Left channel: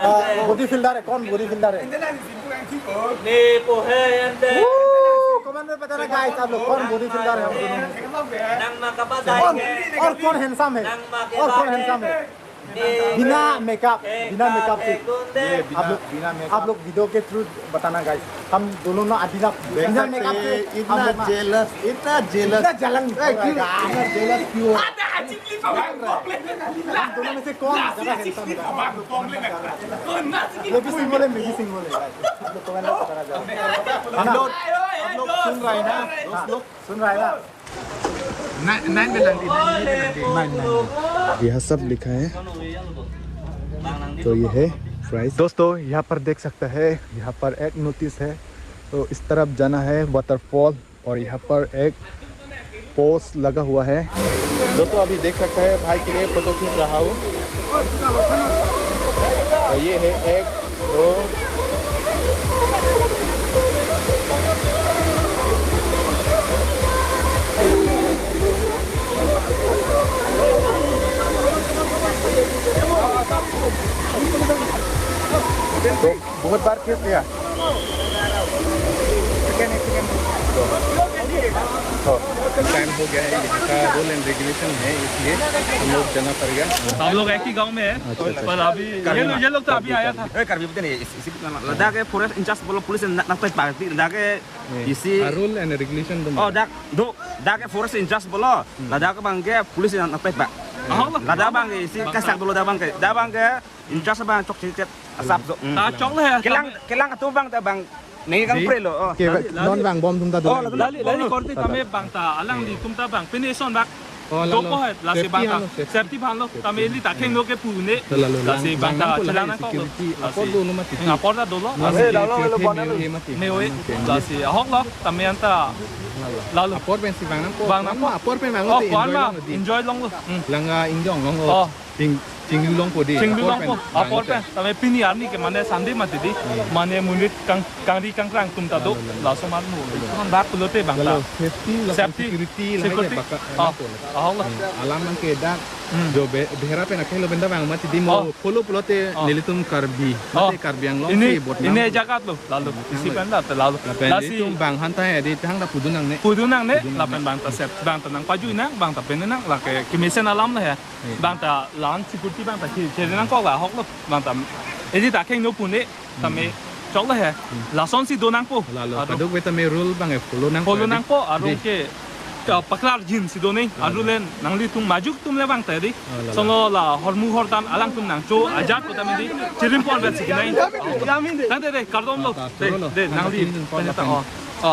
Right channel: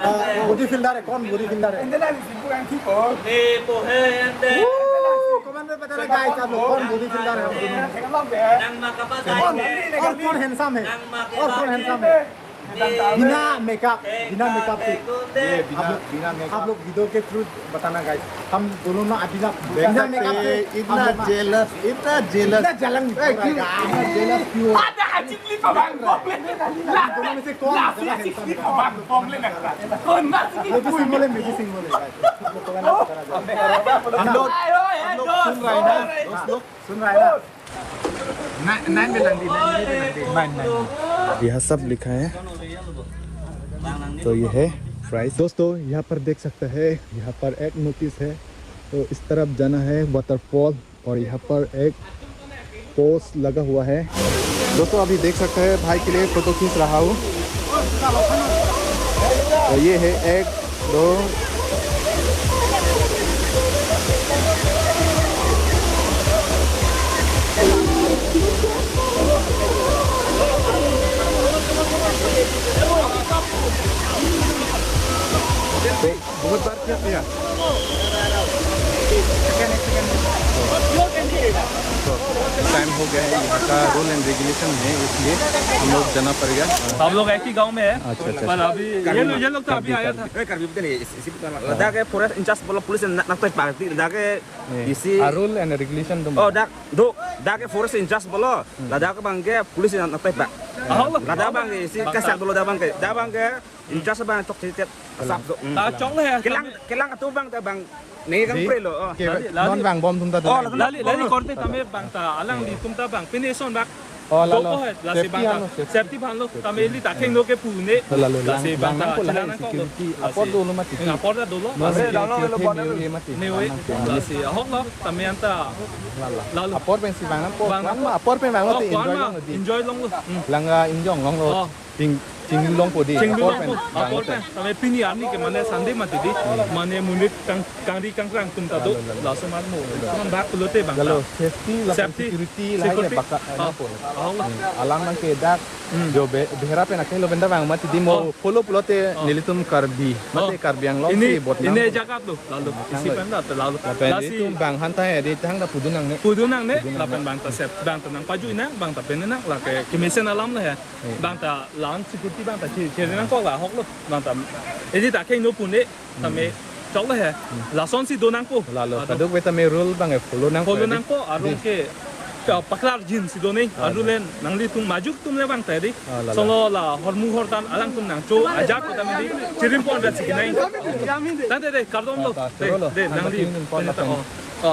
Body fielder है कौन body fielder है कमेंट में बताना गाइस आप लोग कौन बॉडी फिल्डर है और कौन हैंडसम है और कौन हैंडसम है बिना मेकअप के आप लोग वीडियो के थ्रू बताना गाइस हम दोनों ना बिना मेकअप से इतना जेलस जलन क्यों दोनों में से कौन ज्यादा हैंडसम है मेडिसिन बोले हम लोग सुन रहे हैं ना सुन रहे हैं ना नाइन यह सब लिखा है तो ये है प्राइस दोस्तों यहाँ पर देख सकते हैं यहाँ पर एक नोटिस है तो इस तरफ जाना है वाटरफॉल और यहाँ पर एक पोस्ट लगा हुआ है दोस्तों अभी देख सकते हैं भाई के लिए फोटो खींच रहा हूँ तो ये है 1 2 तो बहुत बार किया गया तो टाइम हो गया है यहाँ का रूल एंड रेगुलेशन है इसलिए हम लोग जाना पड़ेगा सब लोग एक ही गांव में है पर अभी ये लोग तो अभी आया था लद्दाख के फॉरेस्ट इंचार्ज बोलो पुलिस नक्तोय पार्टी लद्दाख के इसी रूल एंड रेगुलेशन ओ लद्दाख के फॉरेस्ट इंचार्ज बोलो लद्दाख के बांगे पुलिस नक्तोय पा लद्दाख बांगे इसी कैसा बोलो लद्दाख बांगे इंचार्ज बांग चोक चित साफ ता चोक है केlang tu bang ta bang नहीं kan prelo non bang bom tum ta du लाली कोनते तमे बांगता अलांग ली तुम ता बांग पिने सोन दा लालो सेफ्टी भान लो तमे ली ताखें लो के पुने लालो bang nam ko la security apor do no mati apor da dolo no security meo ye mati Lasi ahok lo तमे अंता लालो apor pen si bang nam ko apor pen bang lo te enjoy long lo langa ingjong long lo ting long po di apor pen तमे पिनी आनी के माने Sunday मते दी माने मुनिट कांगरी कांगरांग तुम ता दो लासो मान नो तुम बाक पुलोते बांग लालो safety security lai ke baka na ko alam bang ke dak जो बेहरा पे नखे लो बंदा बांग मत दी मो पोलो पुलोते निलितुम करबी मते करबियांग लो की बोट ना इने जगह लो लालो इसी बंदा त लालो लासी तुम बांग हंता है दी तंग दा पुदुनंग ने लापन बांग ता सेफ बांग ता नंग पाजु ना बांग ता पेन ना ला के कमीशन अलाम ले है बांग ता लान सिक्योरिटी बांग ता चे ना को ला हक लो बांग ता इनी ताखें नो पुने तमे चौक है लासन सी दो नंग को लालो कदुक बेता मे रूल बांग फॉलो नंग को आरो के paklar jin si doni alulen nangli tung majuk tum le bang tadi solo la hormu hortan alang tum nang to ajak ko tamdi chirin pon bet si nai tante de kardom lo de nangli pon la pen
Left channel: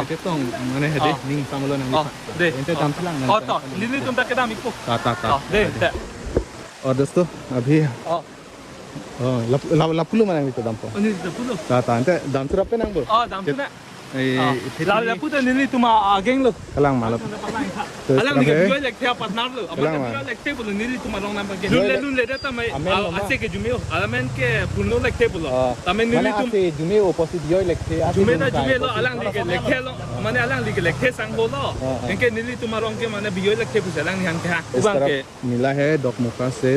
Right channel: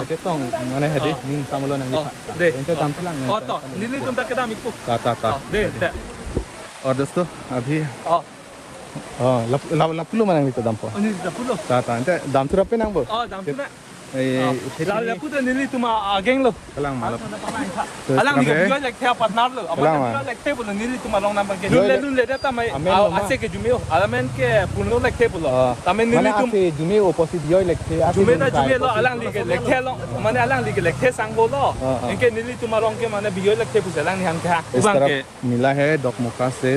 ke tong mane hade ning samulo nang de ente tam plang nang to nili tum ta kedam ikko ta de और दोस्तों अभी लापुलो माने तो दाम पो अनि लापुलो ता ante दाम tu rapi nang bo दाम tu na लापुलो nili tuma ageng lo kalang malap alang ni mai lek thea partner lo apa lek te bolo nili tuma rong nam bang lulle da tamai ase ke jumeo alamen ke puno lek te bolo tamai nili tum ke jumeo opposite yoi lek te jume lo alang li ke lek the lo mane alang li ke lek the sang bo lo enke nili tuma rong ke mane bioi lek the pu alang ni han kha इस तरफ मिला है डॉकमोका से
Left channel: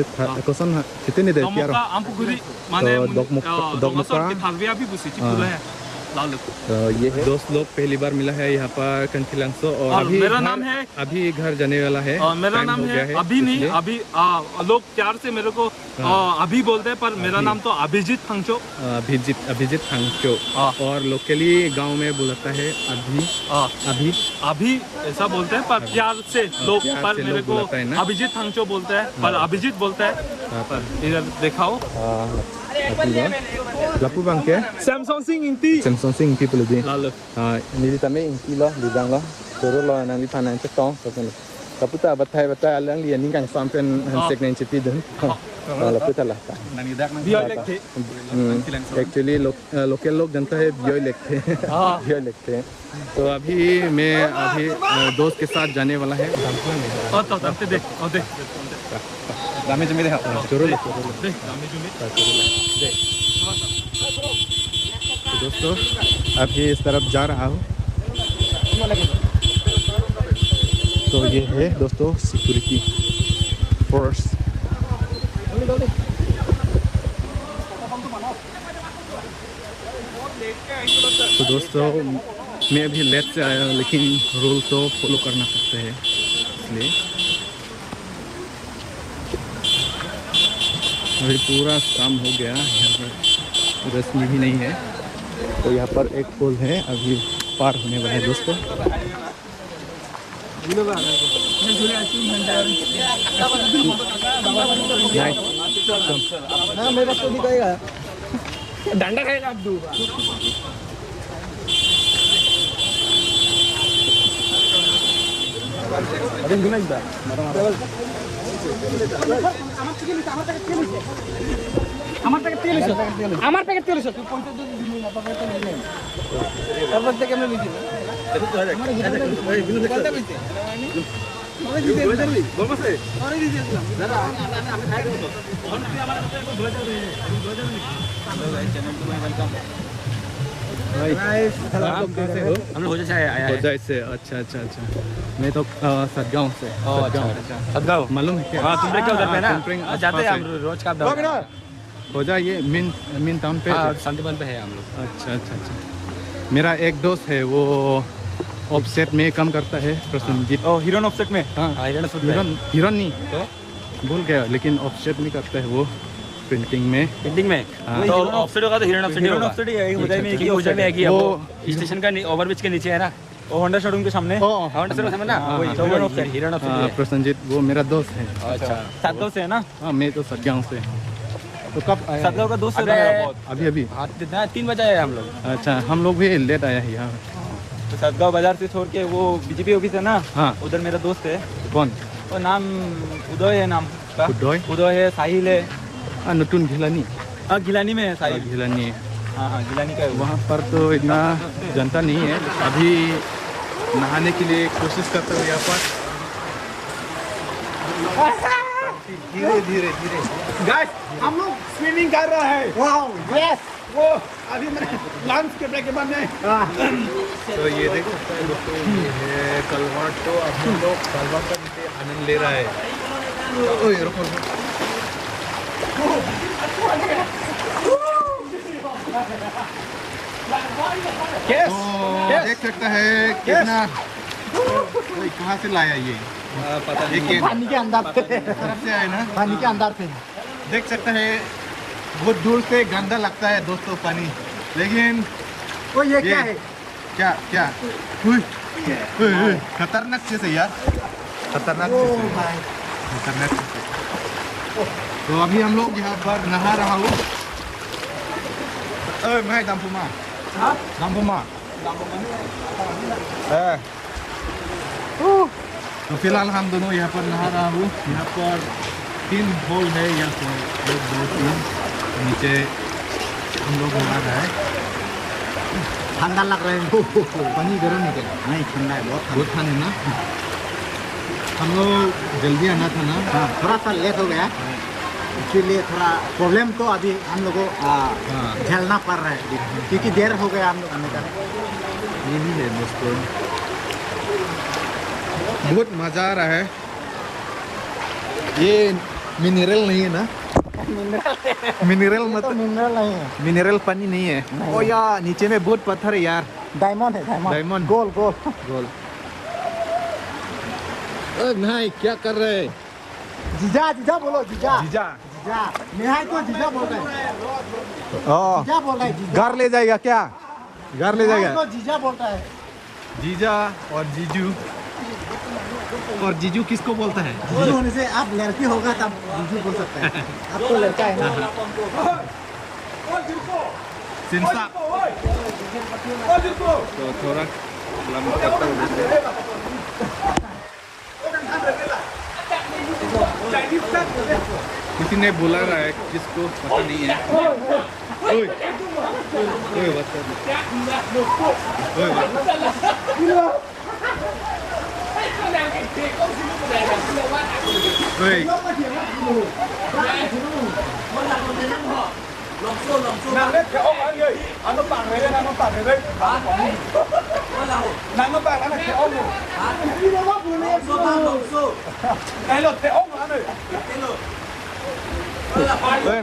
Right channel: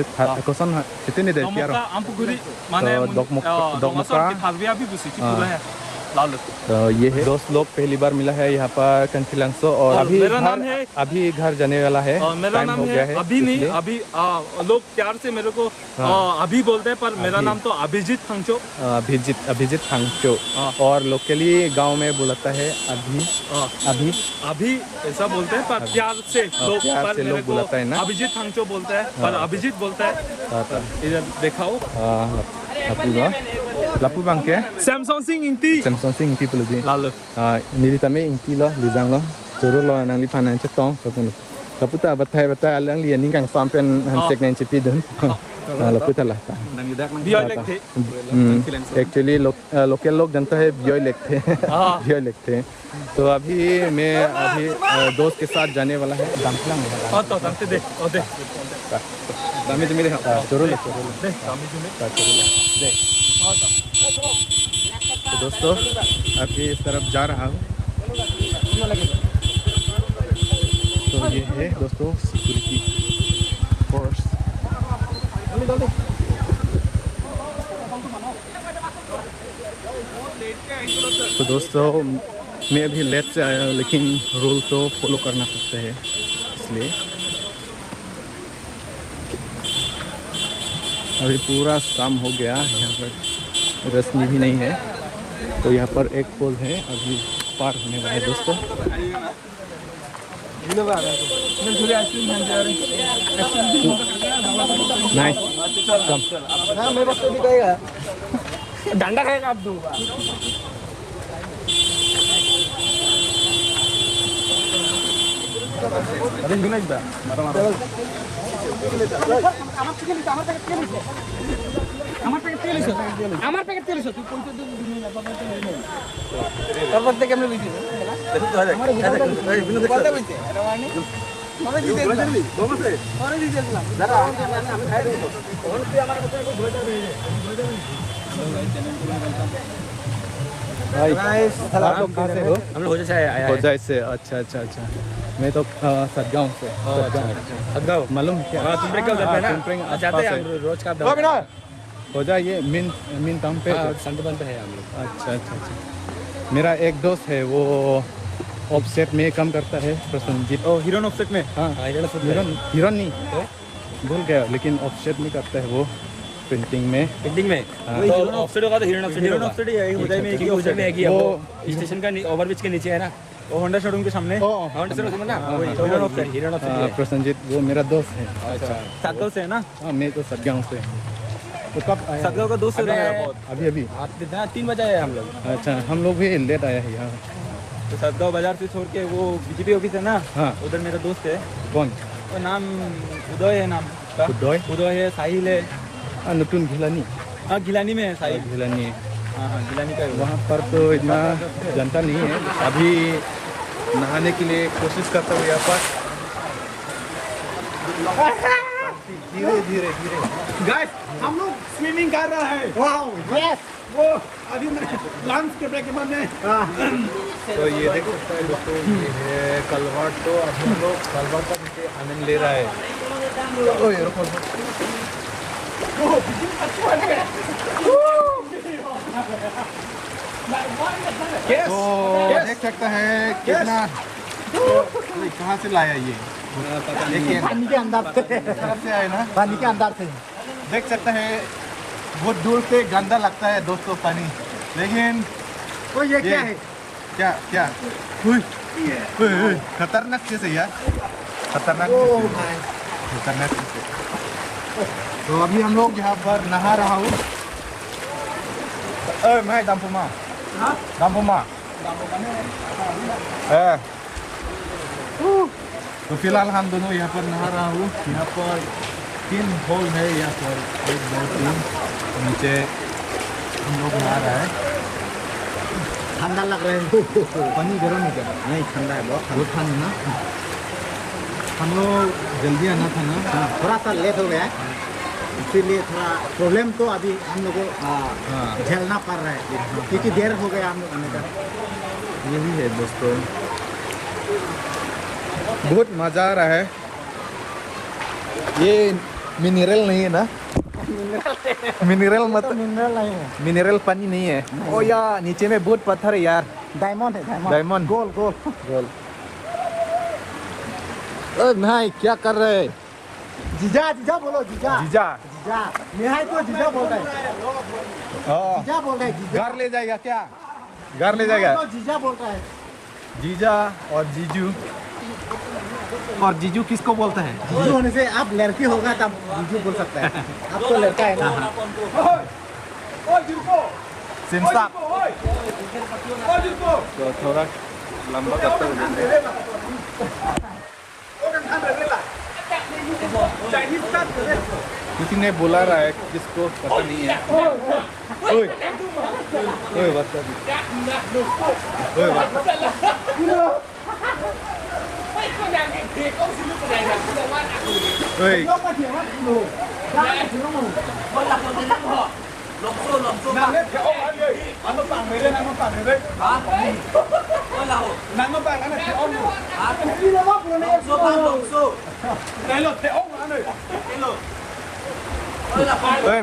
कोसन कितने दे दिया डॉकमोका अम्पुगुरी माने डॉकमोका के थालविया भी बुसी चिपुला है लालू तो ये दोस्त लोग पहली बार मिला है यहाँ पर कंचिलांसो और मेरा नाम है अभी घर जाने वाला है मेरा नाम है अभी नहीं अभी लोग प्यार से मेरे को अभी बोलते हैं पर मेरा नाम तो अभिजीत फंगचो अभिजीत फंगचो और लोकली गांव में बोलता है अभी ऐसा बोलते हैं पर प्यार से लोग पर मेरे को अभिजीत फंगचो बोलते हैं पर अभिजीत बोलते हैं इधर दिखाओ Lapu bang ke? Samsung Sing Inti pelu di. Lalu. Mili kami inti lah di bang lah. Turun lah nang li panan cetong. Lapu tak batai alang li ni kan sampai hansek nang ceti dong. Lapu tak lah. Nang idak nang bioi lek the. Actually local लोग जानता है बियोई लिखते हैं तो अभी मैं दोस्त के साथ जाने वाला है दामसलांग तो दामते दे दामे जुमे दे जरूर दे दामे जुमे दे तो दोस्तों अभी इस तरफ जा रहा हूँ तो ये है दोस्तों सिक्योरिटी फोर्स तो दोस्तों मैं अभी लेट से आया हूँ, लेकिन रूल तो फॉलो करना पड़ता है, इसलिए अभी पूरा शाम हो गया। यहाँ पर रोशनी भी नहीं है, तो यहाँ पर एक पुल है, अभी पार होने वाला है दोस्तों। डंडा खाएगा आप दो আমার প্যাকেট তেল আছে আমার প্যাকেট তেল আছে তারপর থেকে আমি লিখি আমার কথা বলতে মানে দিতে যাবি বলছে আরে দিতে দিলাম দাদা আমি খাই দেব কোন তুই আমার কথা ধরে যাবি भाई आप कहाँ से हो? हम लोग हो जाए आया है होजाई से। अच्छा अच्छा अच्छा, मैं तो सतगांव से। सतगांव मालूम है क्या? तुम क्या उधर पे ना तुमप्रेंग जाते हैं हम रोज का होजाई ये मेन टाउन पे। संतबन पे है हम लोग। अच्छा अच्छा अच्छा, मेरा एक दोस्त है, वो ऑफसेट में काम करता है, प्रसन्नजीत। ओ हीरोन ऑफसेट में। हाँ हीरोन नहीं तो भूल गया, लेकिन ऑफसेट में करता है वो, प्रिंटिंग में। हाँ। तो ऑफसेट होगा तो हीरोन ऑफसेट होगा। ऑफसेट ही है उदय में एक ही वो स्टेशन का ओवरब्रिज के नीचे है ना, वो होंडा शोरूम के सामने। होंडा शोरूम ना हीरोन ऑफसेट। प्रसन्नजीत वो मेरा दोस्त है। अच्छा सातों से है ना। हाँ मैं तो सतगांव से। तो कब आया? सतगांव का दोस्त है अभी अभी। 3 बजे आए हम लोग। अच्छा, हम लोग भी लेट आया है यहाँ। तो सतगांव बाजार से छोड़ के वो बीजेपी ऑफिस है ना, हाँ उधर मेरा दोस्त है। कौन? वो नाम उदय है, नाम उदय है, साहिल है। नटून घिलानी। हाँ गिलानी में है साहिल। घिलानी। हाँ हाँ गिलानी का है वो। वहाँ पर तो इतना जनता नहीं है, अभी नहाने के लिए कोशिश करता हूँ यहाँ पर। धीरे धीरे धीरे गाइस हम लोग स्विमिंग कर रहे हैं। वाओ यस, वो अभी मेरे लंच के ब्रेक के बाद में। तो ये देख सकते हैं दोस्तों, ये है कलवाट। तो अब हम लोग कलवाट का नीचे आनंद ले रहा है। ओए रुको रुको। तो देख सकता है कितना, कहाँ से लाया ये? पानी के अंदर से तरफ से आए ना, पानी के अंदर से। देख सकता है बहुत दूर से गंदा लगता है दोस्तों पानी, लेकिन तो ये क्या है? क्या क्या खतरनाक चीज है यार, खतरनाक चीज है, खतरनाक चीज है। तो अभी हम लोग यहाँ पर नहा रहा हूँ। मैं दामपुमा तो फिलहाल हम दोनों यहाँ पर नहा रहा हूँ। यहाँ पर 3 होल है, यहाँ पर 1 2 3 नीचे हम लोग नहा रहा है। ठंडा लग रहा है। पानी गर्म है क्या? नहीं ठंडा है, बहुत ठंड है ना। हम लोग जल्दी आना था ना। हाँ, थोड़ा सा लेट हो गया, इसीलिए थोड़ा प्रॉब्लम तो अभी हम लोग को झेलना पड़ रहा है, क्योंकि देर हो गया हम लोग आने का। यही है दोस्तों, बहुत मज़ा आ रहा है। ये मिनरल नहीं है ना? मिनरल मत मिनरल नहीं है, मिनरल पानी नहीं है। ओ यार नीचे में बहुत पत्थर है यार। डायमंड है, डायमंड। गोल गोल गोल। ओए भाई क्या कर रहे हैं? जीजा जीजा बोलो, जीजा जीजा जीजा निहाय तो जीजा बोल रहा है, जीजा बोल रहा है, जीजा घर ले जाएगा क्या? घर ले जाएगा? तो जीजा बोल रहा है। जीजा और जीजू। और जीजू किसको बोलता है? जीजू होने से आप लड़की होगा तब जीजू बोल सकता है, आप तो लड़का है ना। सिंसा। तो थोड़ा लंबा करता हूँ जैसे। किसी ने बुला रहा है, किसको पता नहीं है। ओए ओए बता, ओए बता। ओए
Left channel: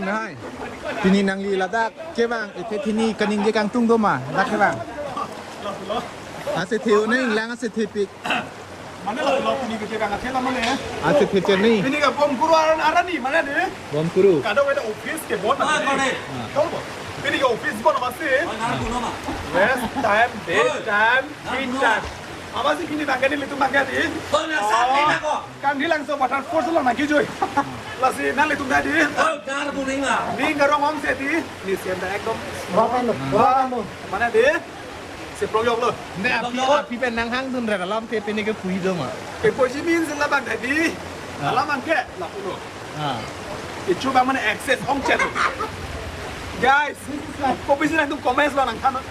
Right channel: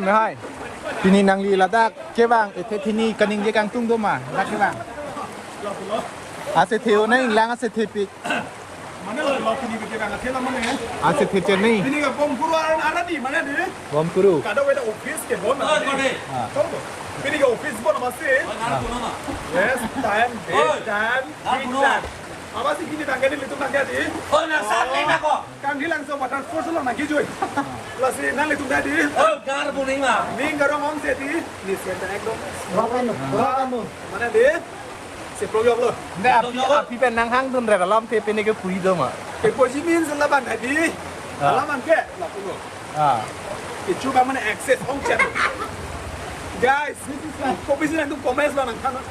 Hai, tini nang li ladak ke bang, ete tini kaning dia kang tung do ma, dak ke bang. Asit hiu na lang asit hipik. Mana lah lo puni kita bang akhir lama ni. Asit hipik ni. Ini kan bom guru ada ni mana ni? Bom kuru. Kada weda office ke bon mana? Tahu tak? Ini ke office bon masih. Yes, time, date, time, time. Apa sih kini bangga ni litung bangga ni? Oh, nasa ni nak. Kang di langsung patah force lang nak hijau. Lasi nang litung dah di. Oh, kar puning lah. Ni garong ang seti. Ni siapa ekdom. Kamu. Mana dia? Seproyok lo. Nda api pen nang hang dun ra lam pe pe ni ke pui do ma. Kepoji min sila bang tadi. Alam angke lah pulo. Itu bang mana access om chat. Guys, kopi sih nang comments lah nang kana.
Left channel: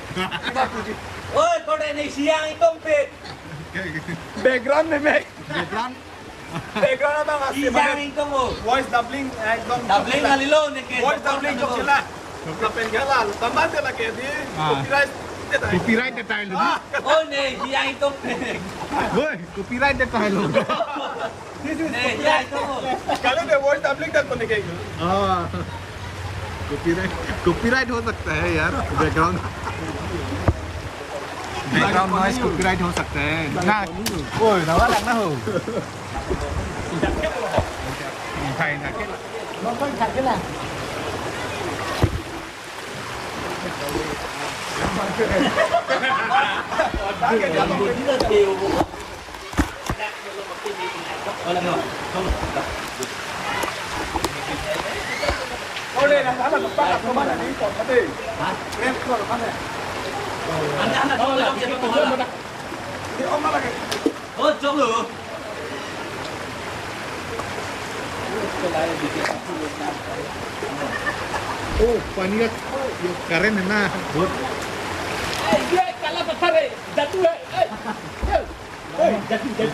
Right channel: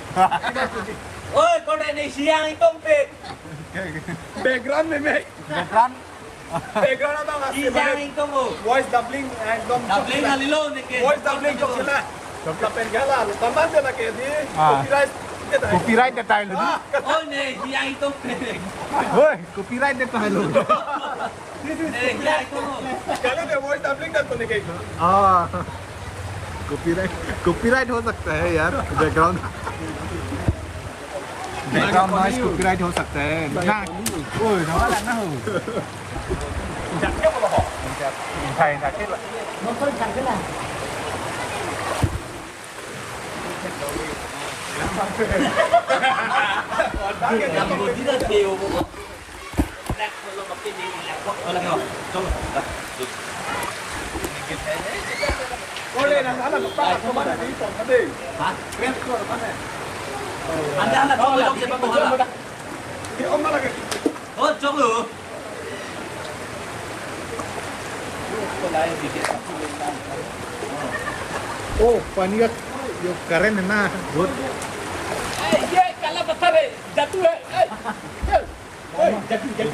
Oi, kau ni siang itu pe. Background ni mek. Background. Background abang asli. Siang itu. Voice doubling ekdom. Doubling kali lo ni ke. Voice doubling jok sila. Lapen gala. Tambah dia lah ke di. Copyright. Copyright dia tahu lu. Oh ni siang itu pe. Hoi, copyright dia tahu lu. Ni siang itu. Kalau dia voice doubling tak boleh kayak. Copyright हो सकता है यार background noise copyright हो सकता है ना ओए नवा लगना हो thầy là cái Oh đây là một cái của mana ni còn cái gì? Cái của mana? Anda kau lihat siapa tu? Thì ông nói là cái Oh, jom lu. ओ पानी का जो करंट है ना बहुत Dia kalau besar jatuh.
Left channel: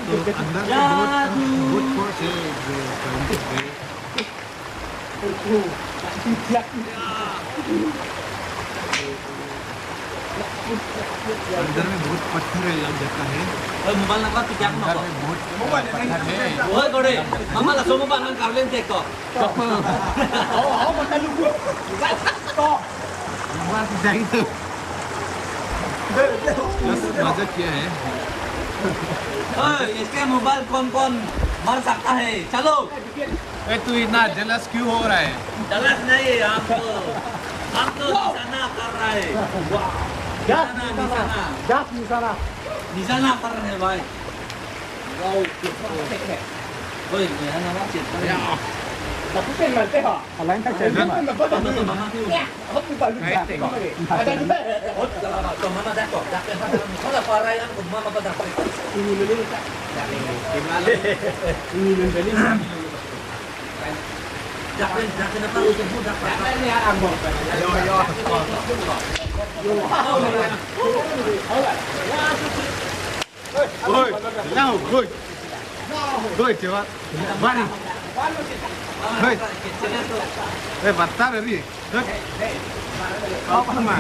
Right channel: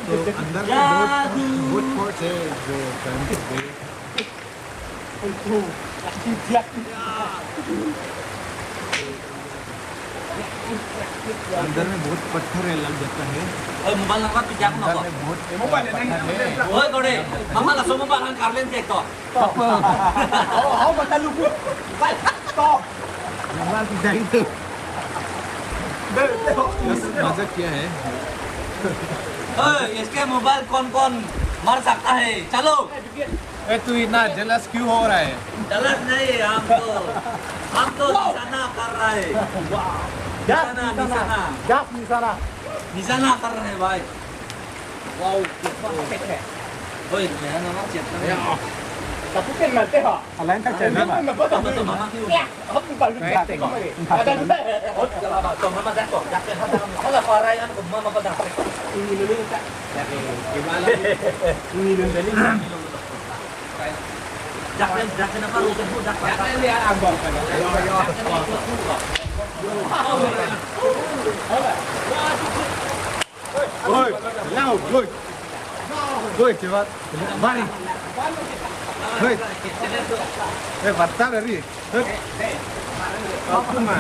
तो अंदर में बहुत फोर्स है जो करंट है अंदर में बहुत पत्थर है लग जाता है Mobile nak pijak. अंदर में बहुत पत्थर है Oh, kau ni. Mama lah semua barang kalian cek kau. apa number pizza itu बस मजा किया है Oh, इसके मोबाइल कौन मार सकता है? चलो. तू इतना जेलस क्यों हो रहा है Jelas नहीं हम तो di sana कर रहे हैं. Di sana. Di sana कर रहे हैं भाई. Oi, jangan nak cek. या Tapi kan nanti ha. Nanti cek. काय ते Kau mama dah kok. Kalau parai kan mama pada. Jangan apa lu kan dak. ayo ayo oi lao oi cepat bari hei batar dari apa mah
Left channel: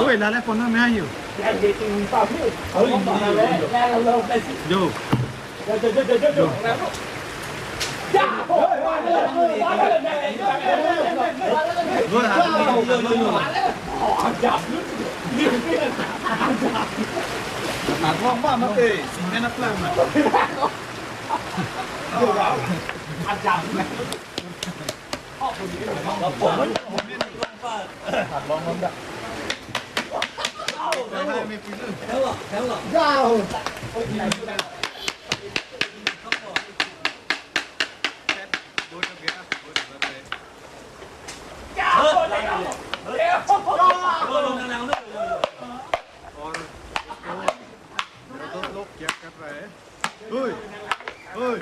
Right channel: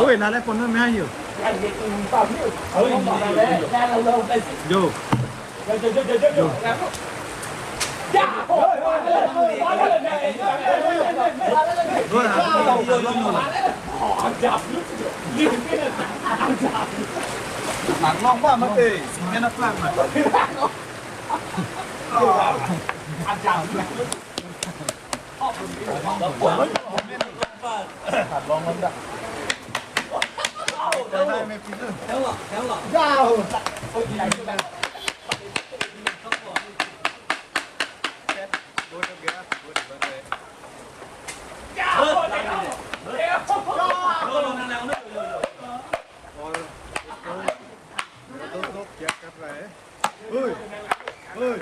Oi, lale phone में आइयो जो जो Gue harus mulai. Ngomong apa? Enak lang. Coi hai mày pin luôn. Bột được kìa, bột bật rồi. और इसको मेरा दोस्त लोग क्या कर रहा है ओए ओए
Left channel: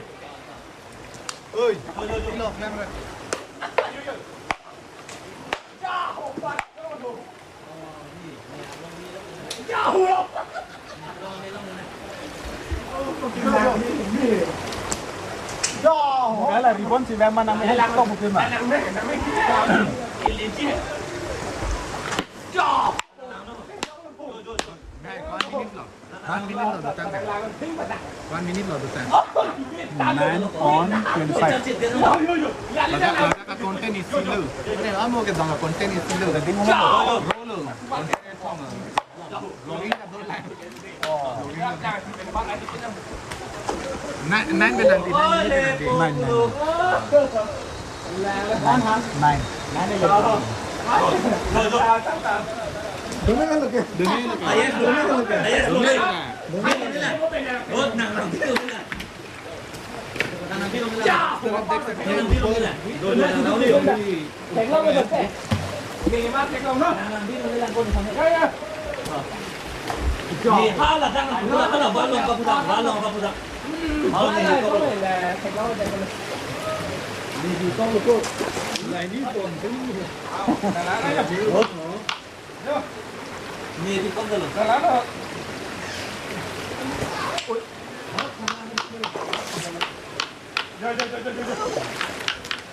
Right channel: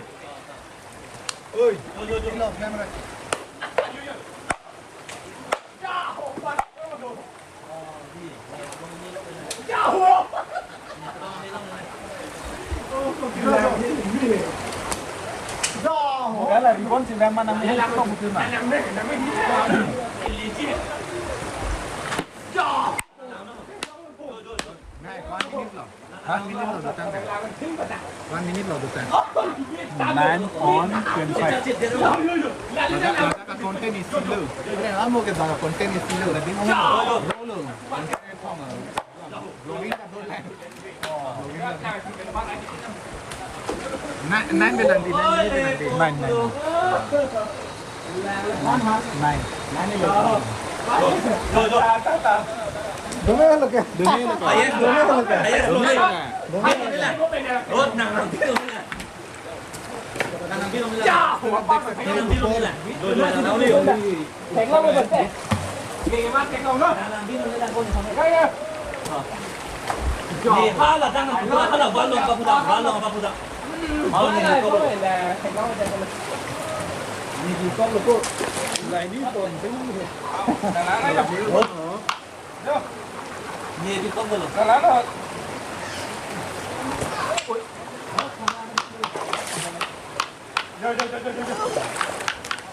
ओए लो camera một cái là ribbon thì em ăn ăn không một thứ mà Này, có 1 minute rồi. 1 minute rồi được tăng cả. 1 minute rồi được tăng. 9 on 25 Laga content is still. अरे हम हो के जाओ content is still. Jadi roll content itu sama. Vlogging का 2 line. Vlogging का. Nine पे nanti, 9 minute पे nanti. 9 Dumi lagi. Terus देख सकते हैं ऊपर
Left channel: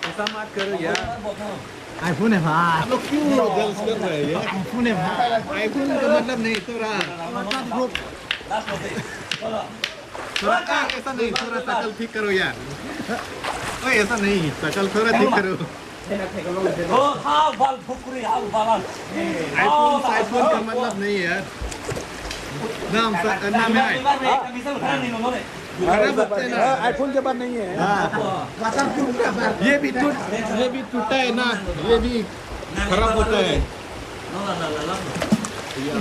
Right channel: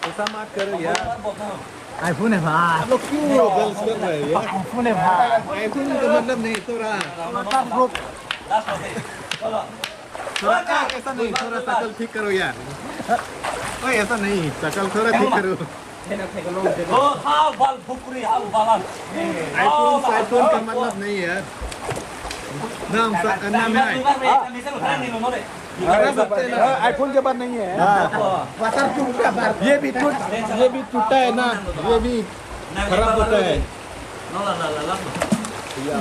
ऐसा मत करो यार आईफोन है भाई आप लोग क्यों गर्ल्स कर रहे हैं यार आईफोन है भाई आईफोन का मतलब नहीं थोड़ा ऐसा नहीं थोड़ा शकल ठीक करो यार ओए ऐसा नहीं शकल थोड़ा ठीक करो आईफोन का मतलब नहीं है यार नाम है खराब होते हैं ना आईफोन के बाद नहीं है ये भी टूटा है ना ये भी खराब होता है या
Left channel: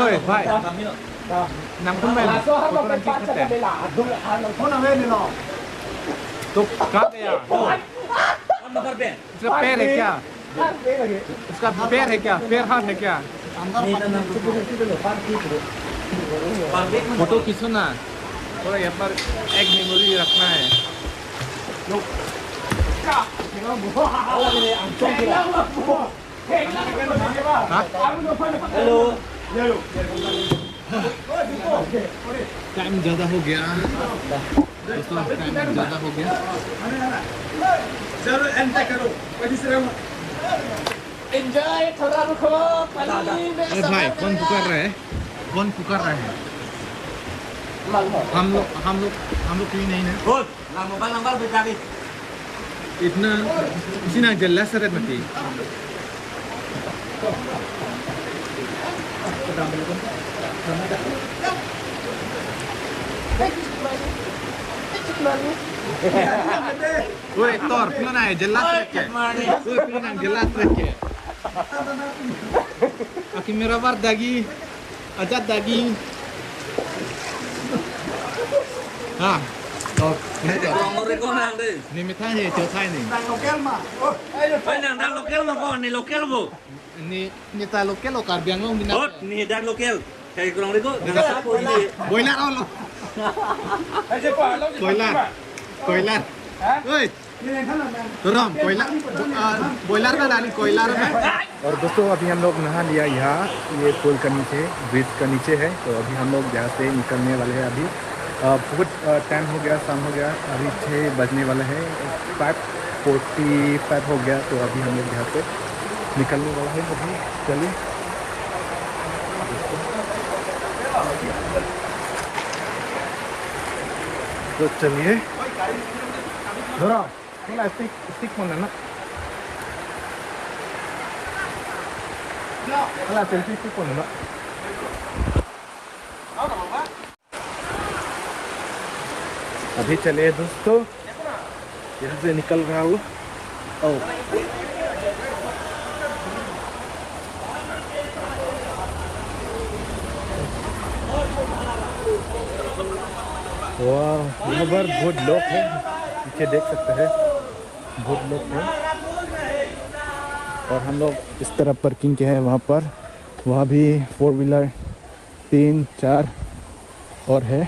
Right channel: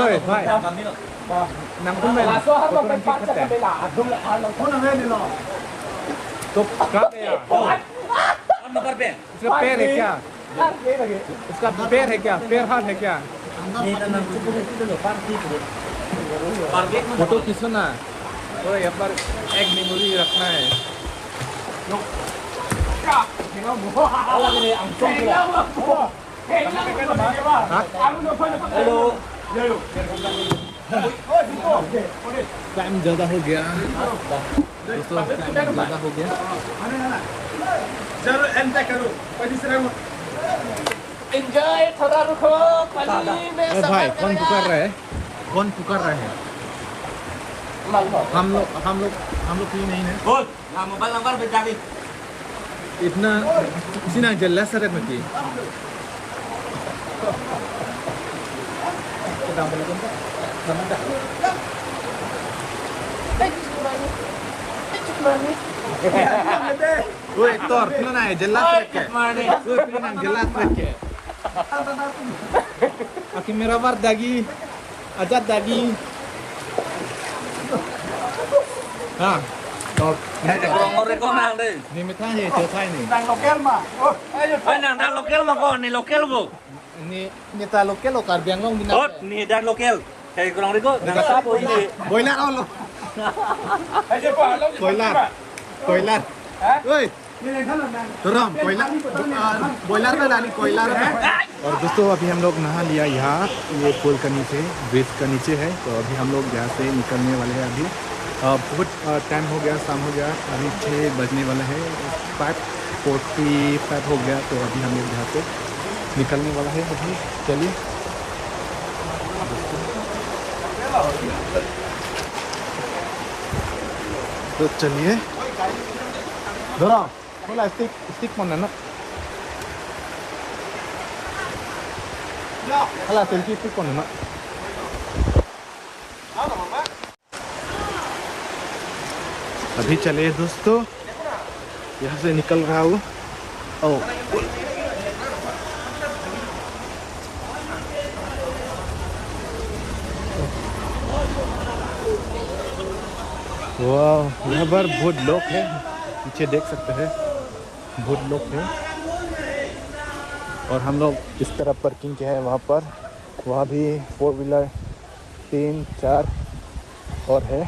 Oi, भाई नंकुल मैन फोटो नंकी खत्ते तो कहाँ गया इसका पैर है क्या इसका पैर है क्या पैर हाथ है क्या फोटो खींचना थोड़ा यहाँ पर एक मेमोरी रखना है हाँ टाइम ज़्यादा हो गया दोस्तों टाइम ज़्यादा हो गया जरूर एंजॉय करो ए भाई कौन पुकार रहा है हम लोग क्यों नहीं है इतना sini jelas seret mati Woi Tor, pilih nanya jelas seret ke? Woi pilih nanya jelas seret ke? Aki merah war dagi, ajat dagi. Ah. Kurang ngorek kau nang deh. Ni metah je, jauh thai ni. đang lokal mà Nang dah lokal mah kau ni lokal bu. Ni ta lokal lo kar biang long di Oh, ni dah lokal. Kayak kurang reko, nang siapa ini? Boiler all. Boiler. Oi. Ram, boiler में डाली collar में। और दोस्तों अभी हम लोग नहा लिया यहाँ ये पुल के नीचे ब्रिज का नीचे है तो अभी हम लोग यहाँ से निकलने वाले हैं अभी बहुत टाइम हो गया शाम हो गया अभी 6 बजने वाला है 5:45 हो गया तो अभी हम लोग यहाँ से निकलने वाला है अभी चलिए तो चलिए दोरा बोला स्टिक मन ना अला सेल्फी स्टिक मन ना अभी चले दोस्तों यहाँ से निकल रहा हूँ वाह, यहाँ पर बहुत लोग हैं, पीछे देख सकते हैं बहुत लोग हैं। और हम लोग इस तरफ पार्किंग के हैं, वहाँ पर, वहाँ भी 4 व्हीलर 3-4 और है।